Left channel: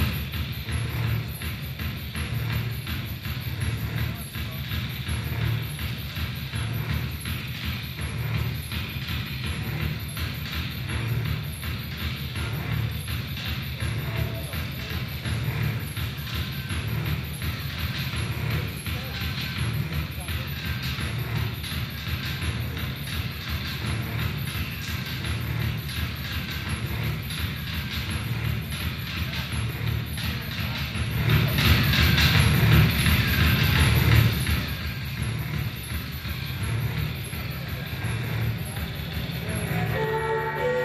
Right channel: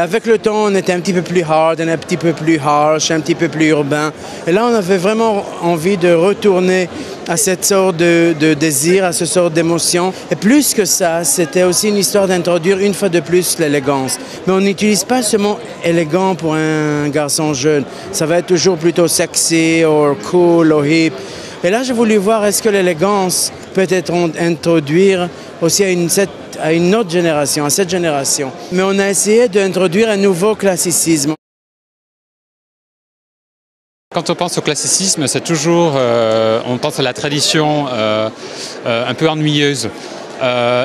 Avec le temps, on était un petit peu plus hard, un petit peu plus harsh, un petit peu plus urbain. Et là, on avait vraiment envie de retourner à cette sorte de désir, à cette sorte d'émotion. Et plus que ça, c'était aussi une histoire d'introduire une fois de plus l'élégance. Mais on n'utilise pas ce mot élégant pour un garçon jeune. Ça va être toujours plutôt sexy, ou cool, ou hip. Et là, j'ai voulu voir est-ce que l'élégance peut être introduire aussi à une autre génération, à cette génération. Mais on a essayé d'introduire un nouveau classicisme. Quand on pense au classicisme, c'est toujours, on pense à la tradition un peu ennuyeuse.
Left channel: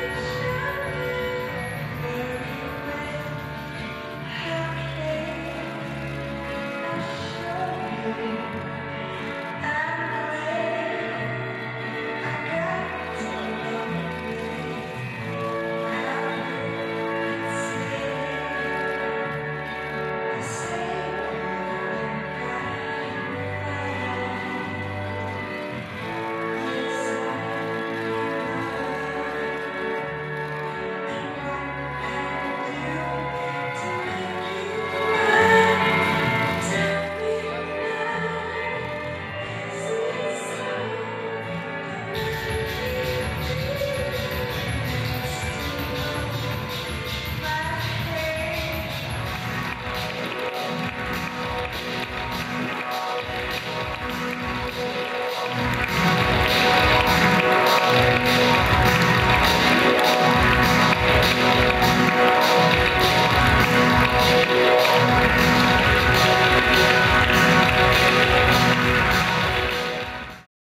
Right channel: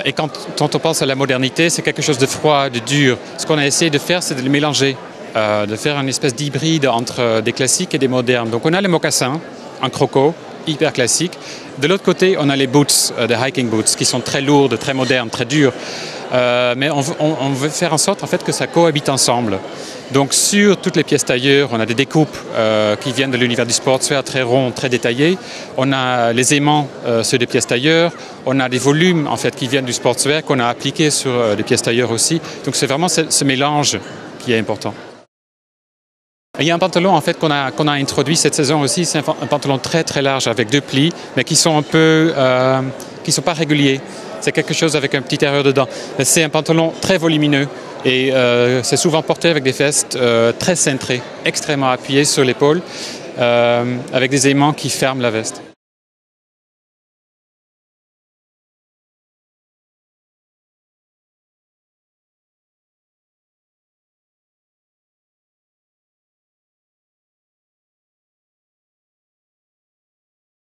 Et quand on pense à la modernité, c'est quelque chose de froid, de dur. Ce qu'on a essayé de faire, c'est de les mélanger, de faire une espèce d'hybride entre des classiques et des modernes. Donc on a les mocassins, en croco, hyper classique. De l'autre côté, on a les boots, des hiking boots, qui sont très lourdes, très modernes, très dures. Mais on veut faire en sorte en fait, que ça cohabite ensemble. Donc sur toutes les pièces tailleurs, on a des découpes qui viennent de l'univers du sportswear, très ronds, très détaillés. On a les aimants sur des pièces tailleurs. On a des volumes en fait, qui viennent du sportswear qu'on a appliqués sur des pièces tailleurs aussi. Donc c'est vraiment ce mélange qui est important. Il y a un pantalon en fait, qu'on a introduit cette saison aussi, c'est un pantalon très très large avec 2 plis, mais qui sont un peu, qui sont pas réguliers. C'est quelque chose avec un petit aéreur dedans. C'est un pantalon très volumineux et c'est souvent porté avec des vestes très cintrées, extrêmement appuyées sur l'épaule, avec des aimants qui ferment la veste.